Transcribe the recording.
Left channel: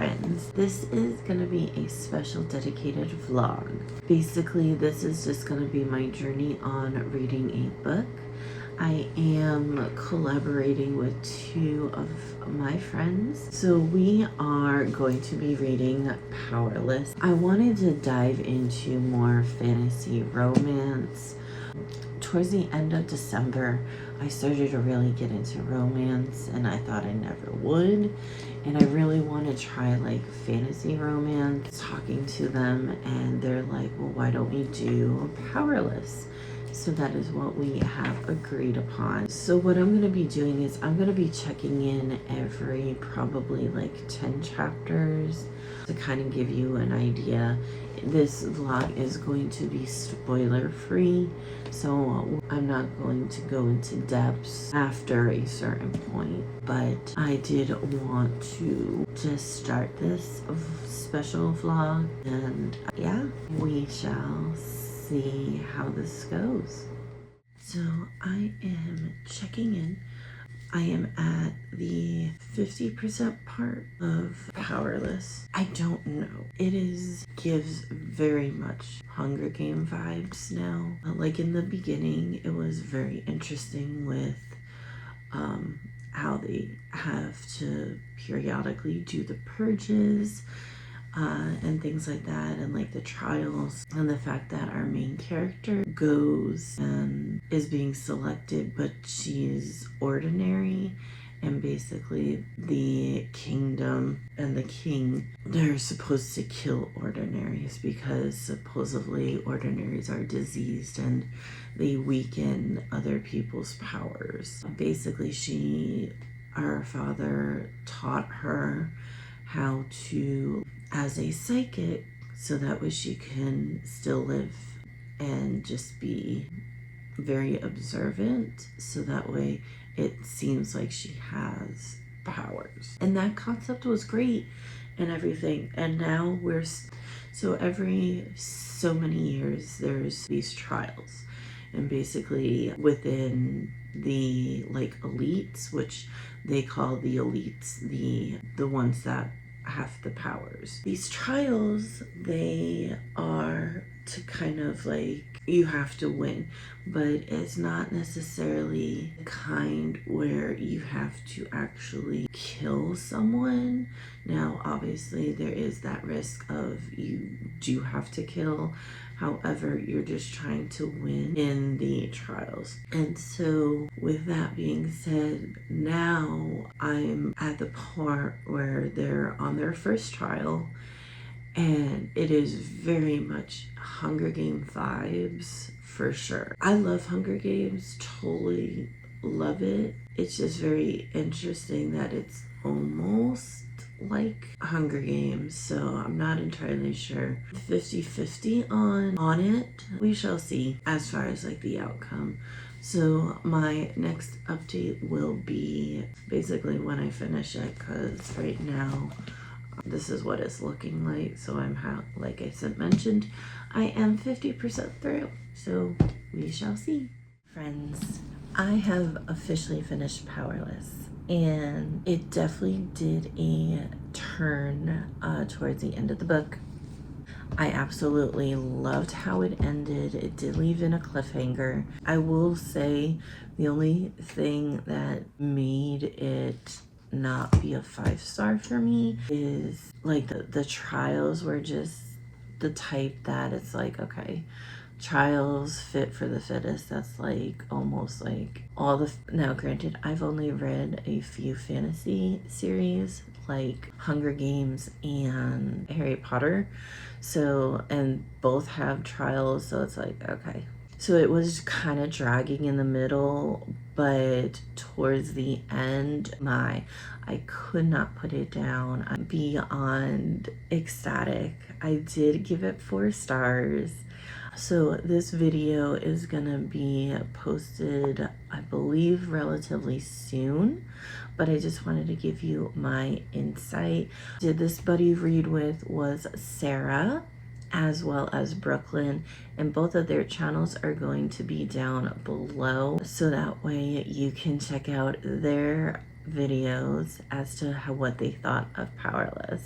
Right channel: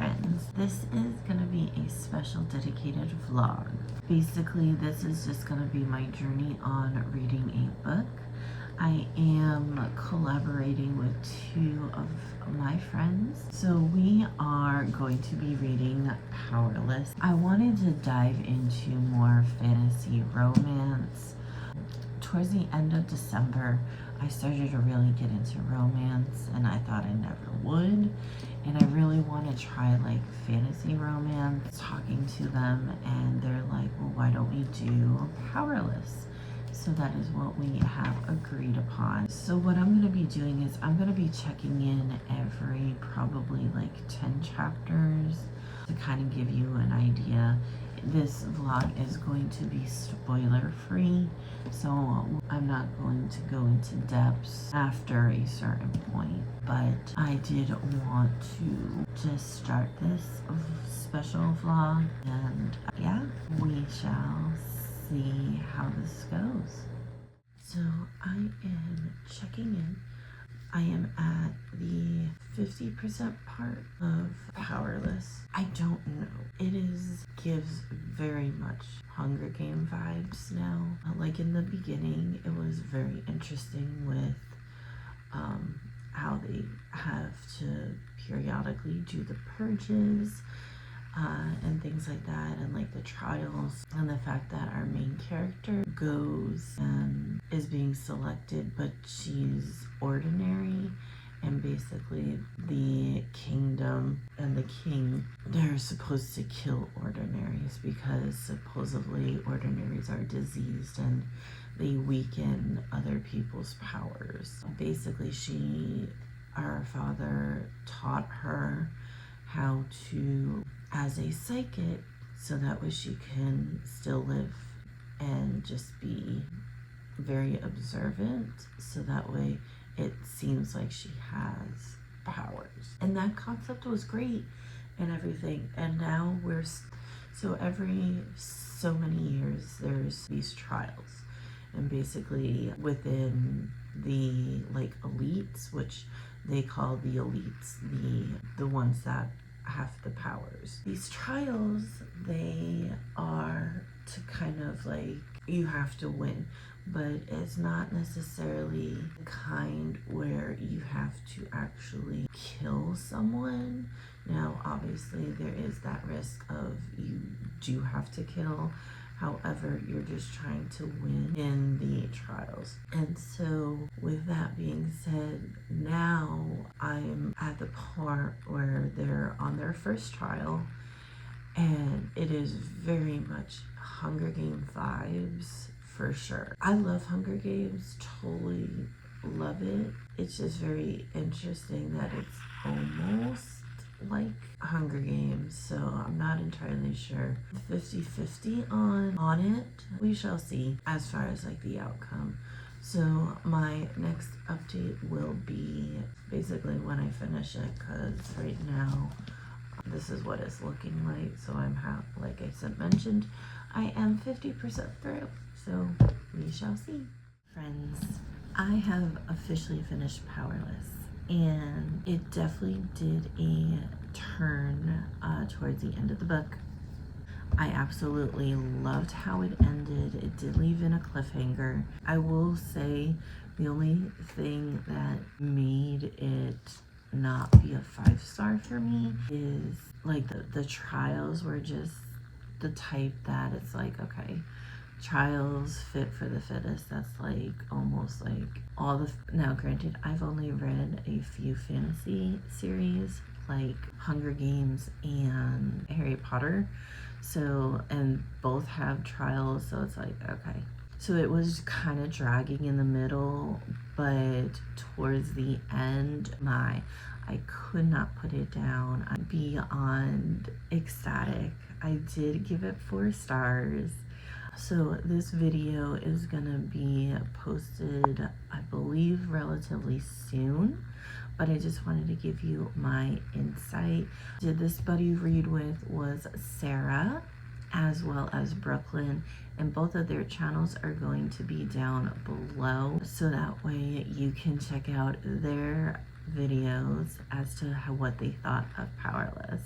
friends, this is gonna be a special dedicated vlog. Basically, this is just gonna be my journey on reading a book. I am collaborating with two of my friends. So we are going to be reading Powerless. I wanted to dive into more fantasy romance. Towards the end of December, I started to really get into romance, and I thought I never would. And I really want to try like fantasy romance. Talking to them, and they're like, well, why don't we do Powerless? So that is what we have agreed upon. So what I'm going to be doing is I'm going to be checking in every probably like 10 chapters to kind of give you an idea. This vlog is going to be spoiler free, so I'm not going to go into depths after a certain point, but I did want to just start this special vlog, and yeah, we shall see how this goes. So I am checking in. I am at the 50% part of Powerless. I don't know. It gives very much Hunger Game vibes now. Like in the beginning, it was very interesting with how they have to periodically do the purges and things like that, and like the trials, and the fact that our main character goes and is being selected, but she's ordinary, and basically the kingdom and the king, they're supposed to kill ordinaries because supposedly ordinaries are diseased and they weaken other people's powers. Basically, our father taught her how to, as a psychic, so that way she can still live and just be very observant, so that way it seems like she has powers. And that concept was great and everything. And now so every so many years there's these trials, and basically within the like elites, which they call the elites the ones that have the powers. These trials, they are to kind of like, you have to win, but it's not necessarily the kind where you have to actually kill someone. Now, obviously, there is that risk of you do have to kill. However, you're just trying to win in the trials. And so with that being said, now I'm at the part where they're on their first trial, and it is very much Hunger Game vibes for sure. I love Hunger Games, totally love it. It's just very interesting that it's almost like Hunger Games, so I'm not entirely sure. 50-50 on it. We shall see as far as like the outcome. So my next update will be basically when I finish it, because right now this is what it's looking like. So like I mentioned, I am 50% through, so we shall see. Friends, I have officially finished Powerless, and it definitely did a turn towards the end of the book. I absolutely loved how it ended. It did leave in a cliffhanger. I will say the only thing that made it not be a 5-star for me is like the trials were just the type that it's like, okay, trials fit for the fittest. That's like almost like all the, now granted, I've only read a few fantasy series like Hunger Games and Harry Potter, so, and both have trials, so it's like, okay. So it was kind of dragging in the middle, but towards the end, I could not put it down. I'm beyond ecstatic. I did give it 4 stars. So this video is gonna be posted, I believe, relatively soon, but I just wanted to give you my insight. Did this buddy read with was Sarah as well as Brooklyn, and both of their channels are going to be down below, so that way you can check out their videos as to what they thought of Powerless.